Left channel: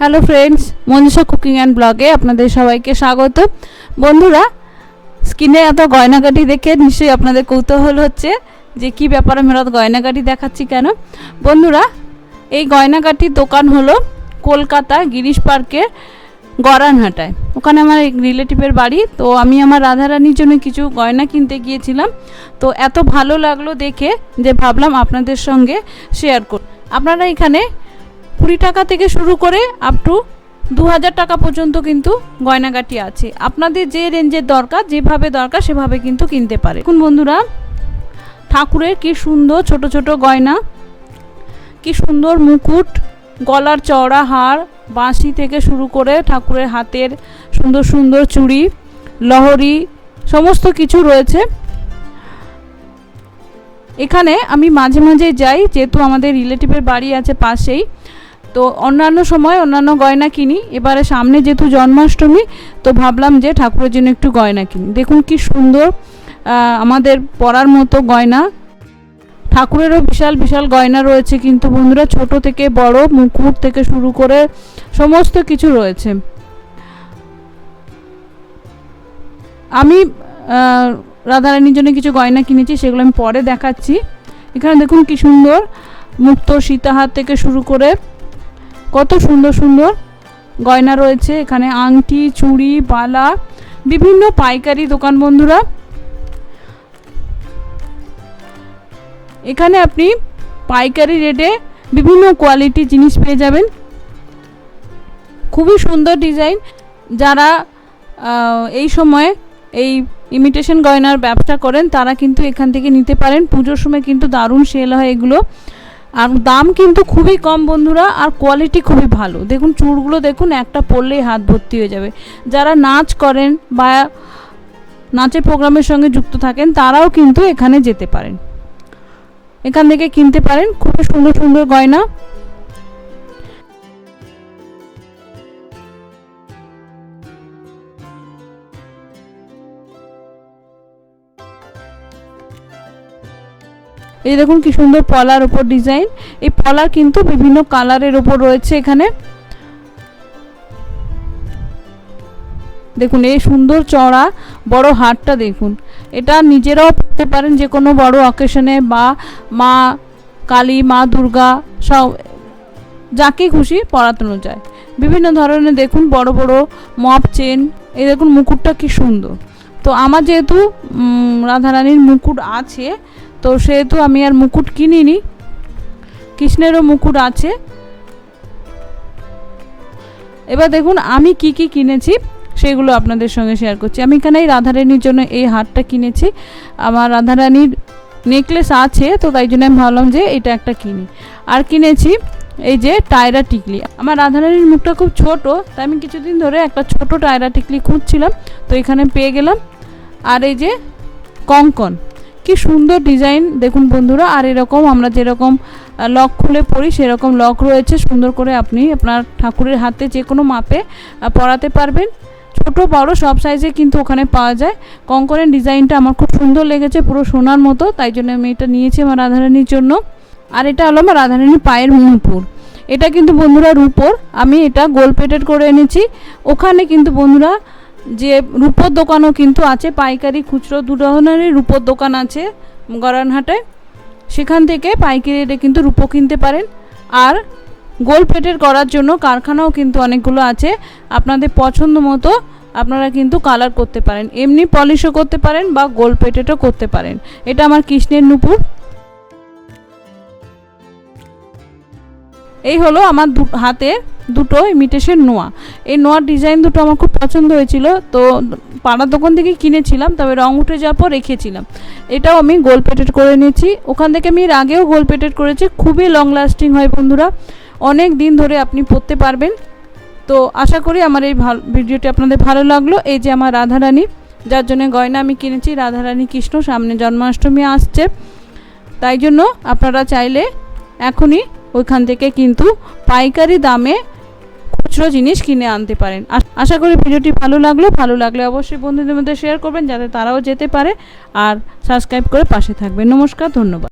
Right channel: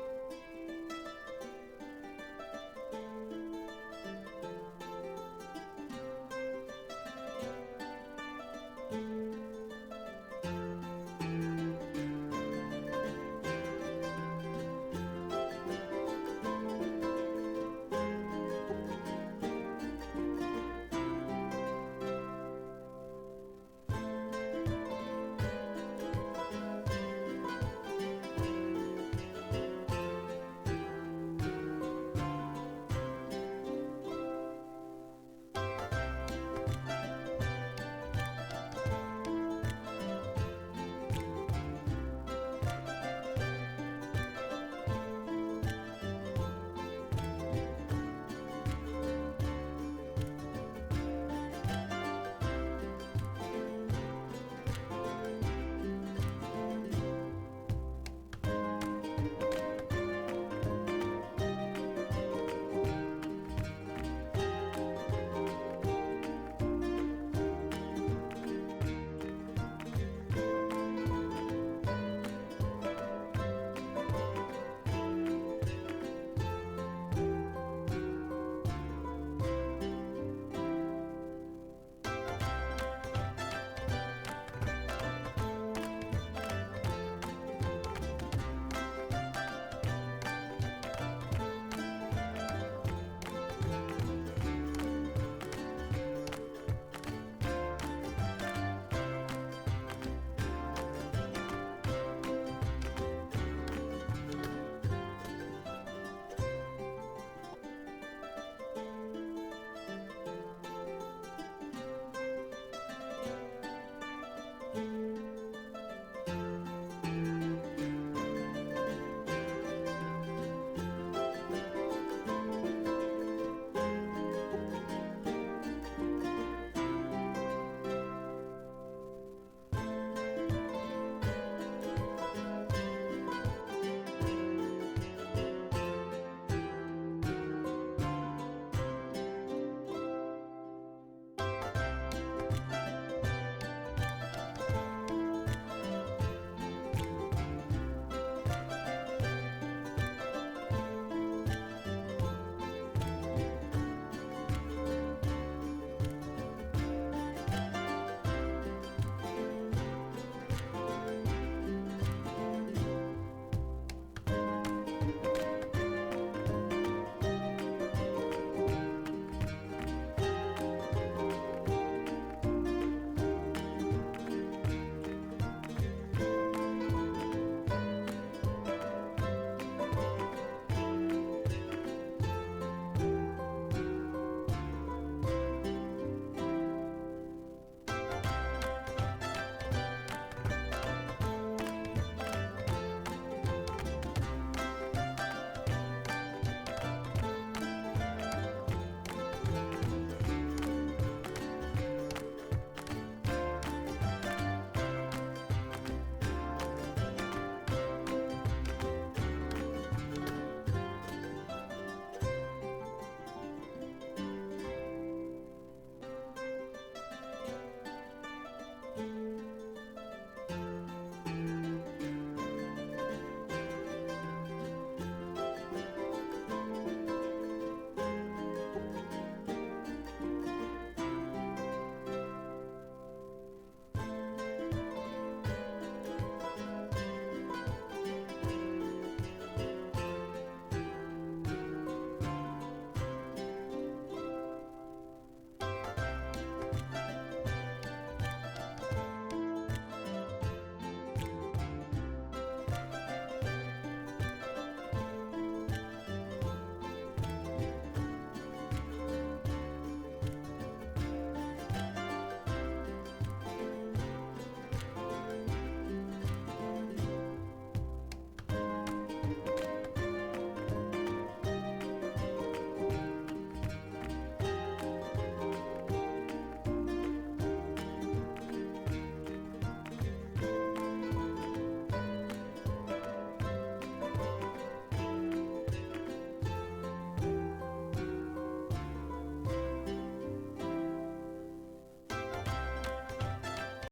Hello friends, Manisha cooking and ব্লগে আপনাদের সবাইকে স্বাগত। বন্ধুরা, স্কিনে এত গয়নাগাটি দেখে নিশ্চয়ই আপনাদের কৌতূহল হচ্ছে যে কি ব্যাপার আমি রাত গয়নাগাটি দেখাচ্ছি কেন। বন্ধুরা, এই গয়নাগাটির দোকান হলো কলকাতা গিরিশ পার্কের গড়ানহাটায়। ওখানে আমার রিলেটিভের বাড়ি। তো আমি আমার রাধারানীর জন্য কিছু গয়না কিনতে গিয়েছিলাম। তো এত ভালো লাগলো দেখে যে ভাবলাম আপনাদের সঙ্গে শেয়ার করব। আপনারা এখানে 20 টাকা থেকে শুরু করে আপ টু 2000 টাকা পর্যন্ত কিন্তু গয়নাগাটি আছে। আপনাদের যে রেঞ্জের দরকার, যেভাবে দরকার সেভাবে কিন্তু কিনতে পারে। এখন বন্ধুরা, ঠাকুরের কি সুন্দর ছোট ছোট গয়না, কি সুন্দর মুকুট, গলার চওড়া হার, বাঁশি থেকে শুরু করে ঠাকুরের হাতের সুন্দর সুন্দর চুড়ি, লহরি, সমস্ত কিছু রয়েছে। এখানে আমি মাঝে মাঝে যাই, যেহেতু আমাদের রিলেটিভের বাড়ি আছে পাশেই। তো অন্যান্য সময় অন্যান্য গয়না কিনি। এবারে সামনে যেহেতু জন্মাষ্টমী, তো ভাবলাম যে ঠাকুরের জন্য একটু গয়না কিনি। দেখুন কি সুন্দর আমাদের পরার মতো গয়না। ঠাকুরেরও বিশাল বিশাল গয়না রয়েছে কিন্তু বন্ধুরা, ছোট থেকে বড়, মুকুট থেকে শুরু করে সমস্ত কিছু রয়েছে। আমি রাধারানীর জন্য কিছু গয়না কিনেছি, সেগুলো আমি পরে দেখাচ্ছি। এখানে দেখুন কি সুন্দর মুক্ত সীতাহার থেকে শুরু করে কত সুন্দর সুন্দর গয়না রয়েছে। এখানে আংটি, চুড়ি, বালা, বিভিন্ন পাইকারি দোকান। বন্ধুরা, এখানে আপনি পাইকারি রেটে বিভিন্ন কোয়ালিটি জিনিস পেয়ে যাবেন। খুবই সুন্দর ডিজাইন। যারা এই সময় এই ইমিটেশন গয়নার ব্যবসা করেন তারা কিন্তু এখান থেকে নিতে পারেন। পুজোর সময় কিন্তু দারুণ সেল হয় এগুলো। আর দাম কিন্তু খুবই কম বন্ধুরা, আর কোয়ালিটি খুবই ভালো। দেখুন চুড়গুলো দেখুন, একটা পরলেই হাত ভর্তি হয়ে যাবে। যারা নাচ করেন বা নাচের প্রোগ্রামের সঙ্গে যুক্ত থাকেন তারাও কিন্তু এখানে যেতে পারেন, এখান থেকে কিনতে পারেন। খুবই সুন্দর সুন্দর গয়না। এই দেখুন কি সুন্দর পলার উপর ডিজাইন। এই পলার কিন্তু বিভিন্ন কালারের উপর রয়েছে এখানে। দেখুন এই সুন্দর চওড়া বড় হারটা দেখুন। এটা নিজেরাও পরতে পারেন যে কোনো বড় অকেশনে, বা মা কালী, মা দুর্গা, সব যাকে খুশি পরানো যায়। বিভিন্ন ধরনের দেখুন বড় বড় মপ চেন। এই দেখুন মুকুটটা কি সুন্দর। তো আমার যেহেতু রাধারানীর মুকুট আছে, তো সেহেতু আমি আর মুকুট কিনিনি। কৃষ্ণেরও মুকুট আছে। এবার দেখুন আমি কি কি কিনেছি সেগুলো আপনাদের সঙ্গে শেয়ার করছি। আমি এখানে রাধারানীর জন্য এই হারটা কিনেছি। আমার রাধারানীর নেকলেস আছে, তো তাই জন্য আমি ভাবলাম যে এটা একটা কিনি। আর কিনেছি এই যে টায়রা টিকলি। আমার রাধারানীর মুখটা খুব ছোট, তাই আমি কিছুদিন ধরে একটা ছোট টায়রা টিকলি খুঁজছিলাম, তো এখানে পেয়ে গেলাম। আর এই যে কঙ্কন, কি সুন্দর ডিজাইন দেখুন বন্ধুরা। আর এরকম আমরা যেরকম লক খুলে পরি সেরকম লক রয়েছে। সুন্দর করে আপনি আপনার ঠাকুরের হাতে যে কোনো মাপে পরাতে পারবেন। ছোট বড় সব সাইজে কিন্তু ওখানে পাওয়া যায়। কঙ্কনের ডিজাইনটা আমার খুব সুন্দর লেগেছে, পুরো সোনার মতো, তাই জন্য আমি এটা নিয়েছি আমার রাধারানীর জন্য। আর এটা হলো আমার রাধারানীর পায়ের নুপুর। এটা কিন্তু বন্ধুরা রূপোর, আমি এটা গোল প্লেটেড করে এনেছি। ওখানে কিন্তু বন্ধুরা যে রূপোর দোকানও কিন্তু আছে, পাইকারি খুচরো দু ধরনেরই রূপোর দোকান আছে গড়ানহাটায়। সেখান থেকে পাইকারি রেটে কিন্তু রূপো কিনতে পারেন। আর গোল প্লেটেড করার জন্য কারখানাও কিন্তু অনেকগুলো আছে। আপনাদের পছন্দ মতো আপনারা কিন্তু কালার করতে পারেন, এমনি পলিশও করতে পারেন বা গোল প্লেটেডও করতে পারেন। এটা আমার কৃষ্ণের নুপুর। এই হলো আমার হাতের দুটো ইমিটেশন নোয়া। এই নোয়ার ডিজাইন দুটো আমার খুব পছন্দ হয়েছিল, তো পাড়ার দোকান থেকে কিনেছিলাম, তবে রং উঠে যাওয়ার পর রেখেছিলাম। এটাও আমি গোল প্লেটেড করে নিয়েছি। ওখান থেকে আমি এর আগেও গোল প্লেটেড করেছি। খুবই লং লাস্টিং হয় বন্ধুরা, অনেক দিন ধরে আপনি পরতে পারবেন। তো আশা করি আমার এই ভিডিওটি আপনাদের ভালো লাগলো। এই যে আমার রাধারানী, যার জন্য গয়না আমি কিনেছি, রাধারানী কৃষ্ণ, সামনে জন্মাষ্টমী আসছে, তাই জন্য আপনারা চাইলে এখনই ওইখান থেকে কিন্তু পাইকারি দামে খুচরো জিনিস কিনে আনতে পারেন। আশা করি ভিডিওটি ভালো লাগলে অবশ্যই বন্ধুদের মধ্যে শেয়ার করবেন যাতে তারাও যেতে পারে। আর সাবস্ক্রাইব করে পাশে থাকবেন। নমস্কার, ধন্যবাদ।